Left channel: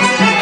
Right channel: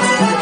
Thank okay. you.